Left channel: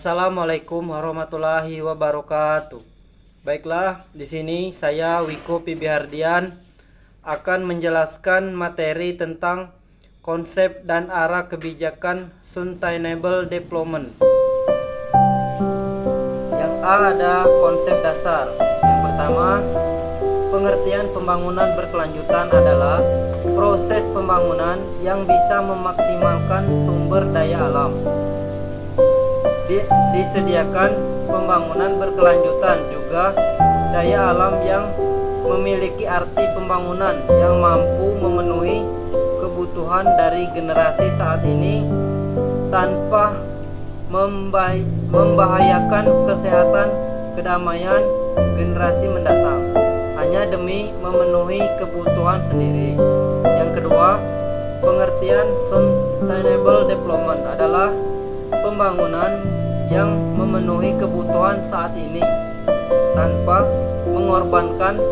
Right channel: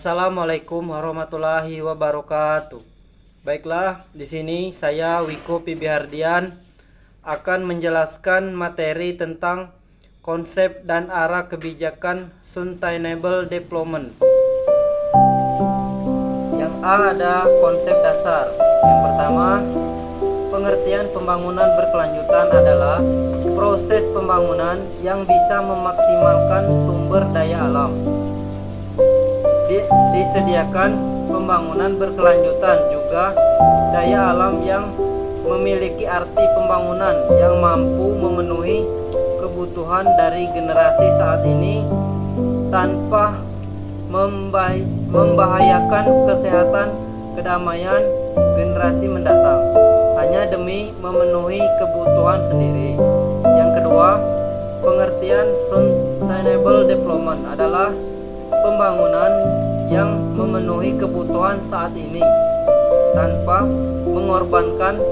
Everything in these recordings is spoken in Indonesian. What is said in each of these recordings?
Assalamualaikum warahmatullahi wabarakatuh. Baiklah, di sini saya Wiko Pibihardian akan menjelaskan materi tentang konsep dan arah kebijakan Sustainable Development. Yang A ada konsep dasar. Yang pertama, pengertian pembangunan berkelanjutan adalah proses pembangunan yang bisa memaksimalkan sumber daya alam. Disediakan pembangunan berkelanjutan juga daya alam yang memiliki arti pembangunan yang mampu memenuhi kebutuhan dari generasi saat ini tanpa membahayakan kesehatan kedamaian generasi mendatang hanya demi memenuhi kebutuhan sendiri. Yang kedua, pengertian Sustainable Development adalah pembangunan yang memenuhi kebutuhan saat ini tanpa mengorbankan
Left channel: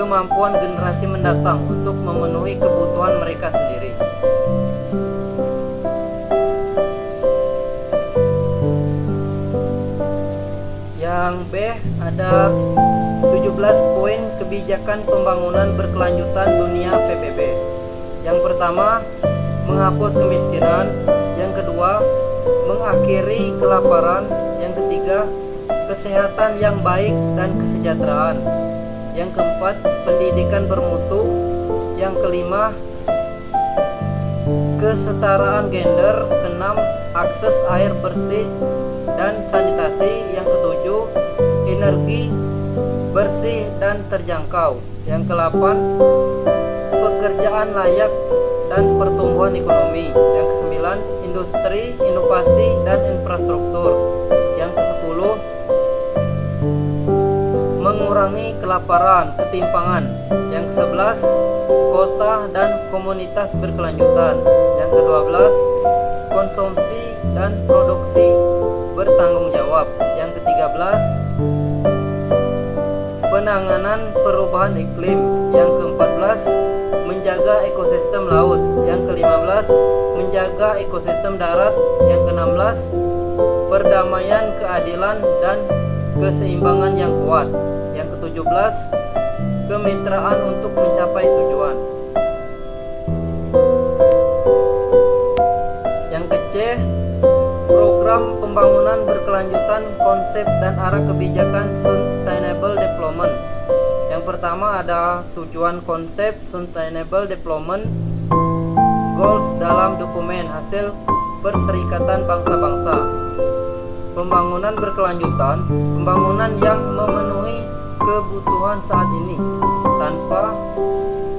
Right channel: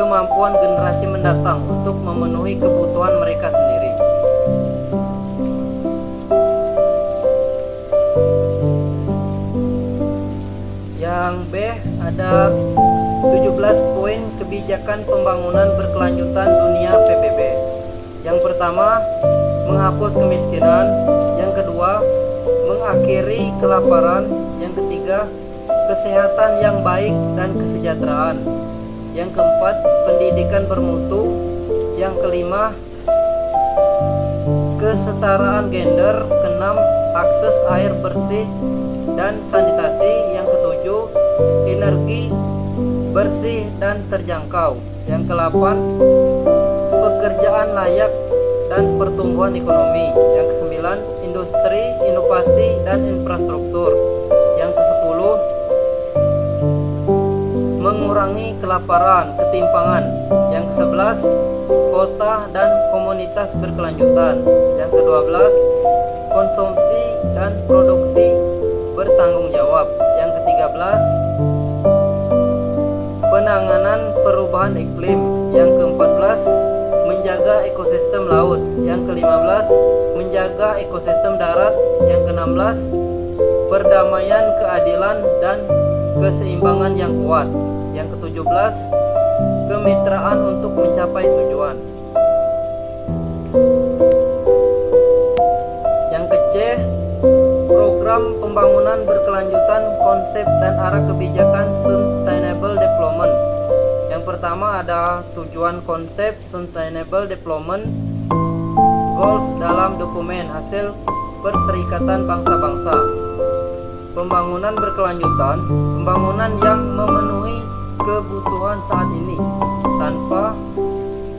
kemampuan generasi mendatang untuk memenuhi kebutuhan mereka sendiri. Yang B ada 17 poin kebijakan pembangunan berkelanjutan dunia PBB. Yang pertama, menghapus kemiskinan. Yang kedua, mengakhiri kelaparan. Yang ketiga, kesehatan yang baik dan kesejahteraan. Yang keempat, pendidikan bermutu. Yang kelima, kesetaraan gender. Keenam, akses air bersih dan sanitasi. Yang ketujuh, energi bersih dan terjangkau. Yang kedelapan, pekerjaan layak dan pertumbuhan ekonomi. Yang kesembilan, industri, inovasi dan infrastruktur. Yang kesepuluh, mengurangi kelaparan, ketimpangan. Yang kesebelas, kota dan komunitas berkelanjutan. Yang kedua belas, konsumsi dan produksi bertanggung jawab. Yang ketiga belas, penanganan perubahan iklim. Yang keempat belas, menjaga ekosistem laut. Yang ke-15, menjaga ekosistem darat. Yang ke-16, perdamaian, keadilan dan keseimbangan yang kuat. Yang ke-17, kemitraan untuk mencapai tujuan. Yang ke-C, program pembangunan berkelanjutan, konsep dan arah kebijakan Sustainable Development. Yang pertama ada tujuan konsep Sustainable Development Goals dalam dokumen hasil Perserikatan Bangsa-Bangsa. Pembangunan berkelanjutan, pembangunan yang memenuhi kebutuhan saat ini tanpa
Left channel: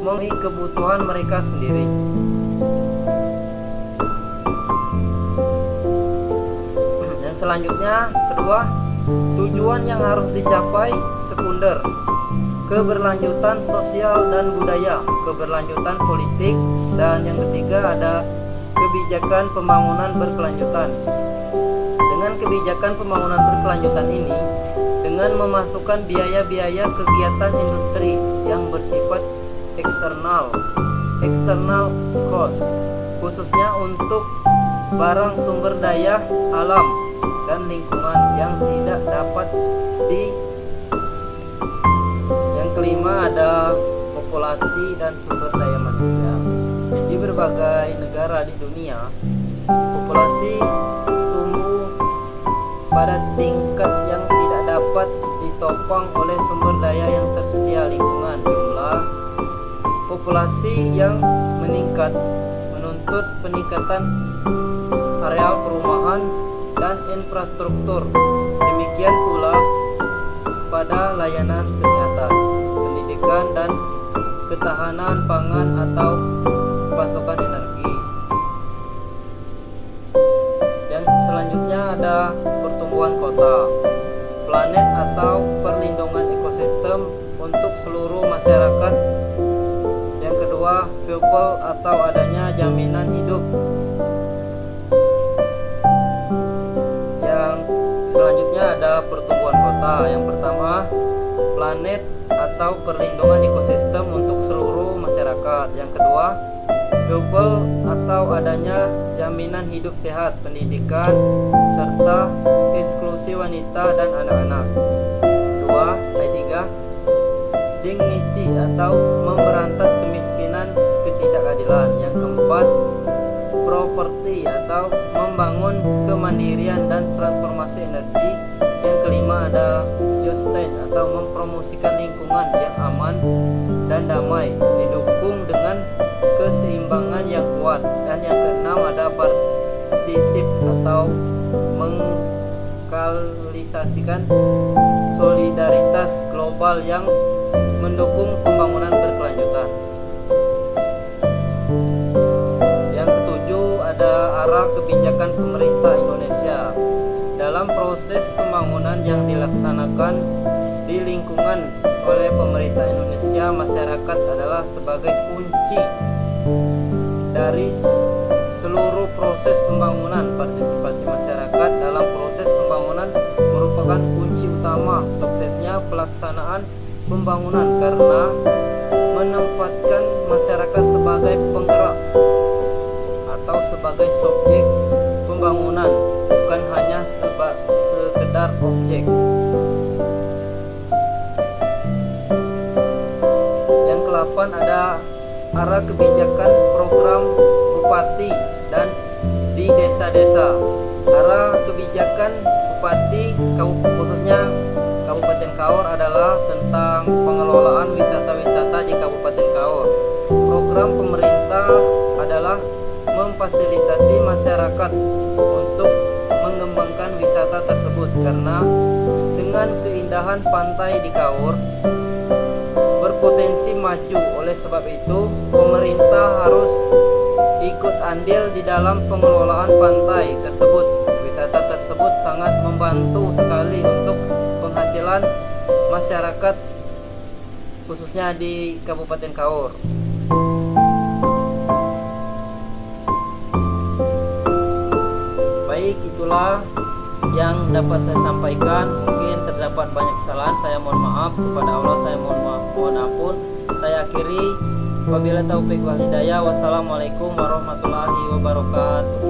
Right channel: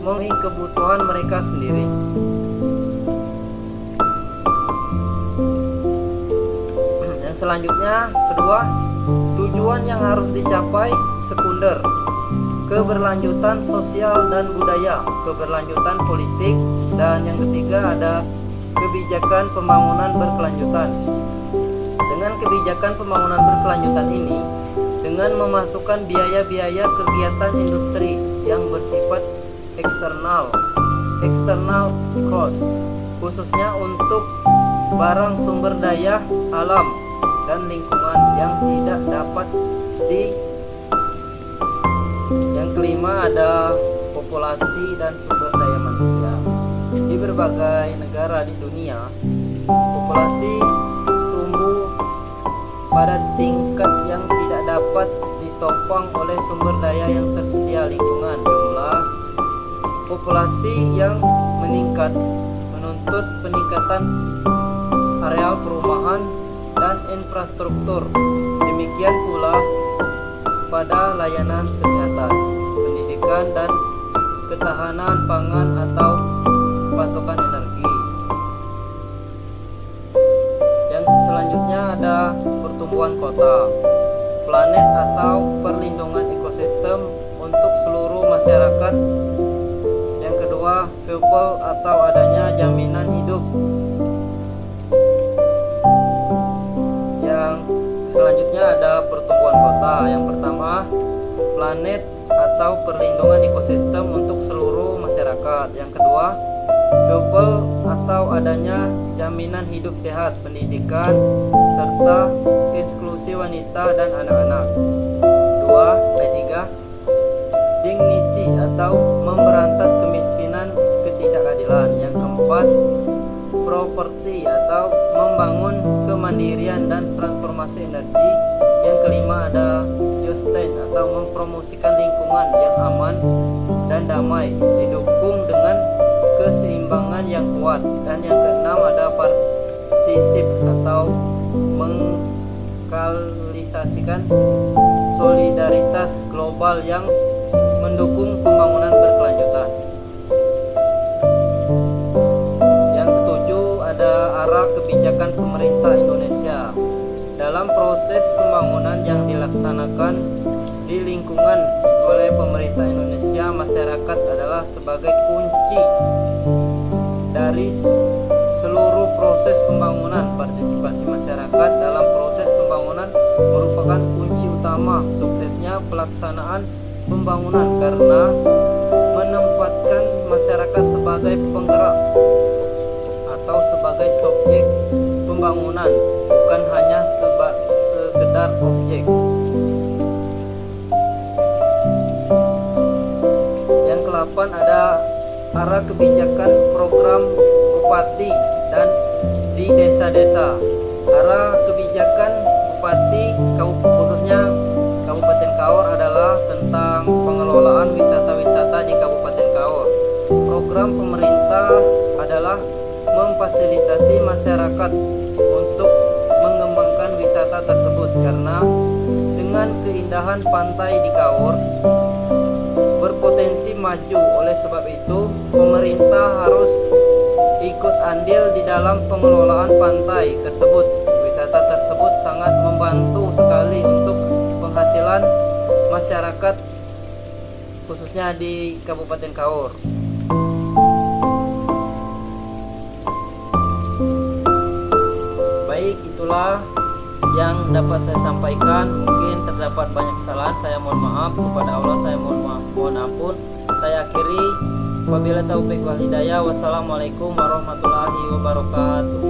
memenuhi kebutuhan mereka sendiri. Yang selanjutnya, kedua, tujuan yang harus dicapai sekunder, keberlanjutan sosial dan budaya, keberlanjutan politik, dan yang ketiga ada kebijakan pembangunan berkelanjutan. Dengan kebijakan pembangunan berkelanjutan ini, dengan memasukkan biaya-biaya kegiatan industri yang bersifat external cost, khususnya untuk barang sumber daya alam dan lingkungan yang tidak dapat Yang kelima ada populasi dan sumber daya manusia. Di berbagai negara di dunia, populasi tumbuh pada tingkat yang tidak dapat ditopang oleh sumber daya yang tersedia lingkungan. Jumlah populasi yang meningkat menuntut peningkatan areal perumahan dan infrastruktur. Demikian pula pada layanan kesehatan, pendidikan dan ketahanan pangan atau pasokan energi. Yang selanjutnya ada pertumbuhan kota, planet atau perlindungan ekosistem untuk seluruh masyarakat. Yang kedua, people atau adanya jaminan hidup. Yang selanjutnya ada pertumbuhan kota. Yang pertama, planet atau perlindungan ekosistem untuk seluruh masyarakat. Yang kedua, people atau adanya jaminan hidup sehat, pendidikan, serta eksklusi wanita dan anak-anak. 2. Ayat 3, dignity atau memberantas kemiskinan, ketidakadilan. Yang keempat, properti atau membangun kemandirian dan transformasi energi. Yang kelima ada justin atau mempromosikan lingkungan yang aman dan damai, didukung dengan keseimbangan yang kuat. Dan yang keenam ada partisip atau mengkalisasikan solidaritas global yang mendukung pembangunan berkelanjutan. Yang ketujuh ada arah kebijakan pemerintah Indonesia dalam proses pembangunan yang dilaksanakan di lingkungan oleh pemerintah Indonesia. Masyarakat adalah sebagai kunci dari seluruh proses pembangunan. Partisipasi masyarakat dalam proses pembangunan merupakan kunci utama suksesnya pelaksanaan pembangunan karena menempatkan masyarakat sebagai penggerak atau sebagai subjek pembangunan, bukan hanya sekedar objek. Yang ke-8 ada arah kebijakan program bupati dan di desa-desa. Arah kebijakan bupati khususnya Kabupaten Kaur adalah tentang pengelolaan wisata-wisata di Kabupaten Kaur. Program pemerintah adalah memfasilitasi masyarakat untuk mengembangkan wisata tersebut karena dengan keindahan pantai di Kaur berpotensi maju. Oleh sebab itu, pemerintah harus ikut andil di dalam pengelolaan pantai tersebut. Wisata tersebut sangat membantu sekali untuk penghasilan masyarakat khususnya di Kabupaten Kaur. Baik, itulah yang dapat saya sampaikan. Mungkin terdapat banyak kesalahan, saya mohon maaf. Kepada Allah saya mohon ampun. Saya akhiri, wabillahi taufiq wal hidayah. Wassalamualaikum warahmatullahi wabarakatuh.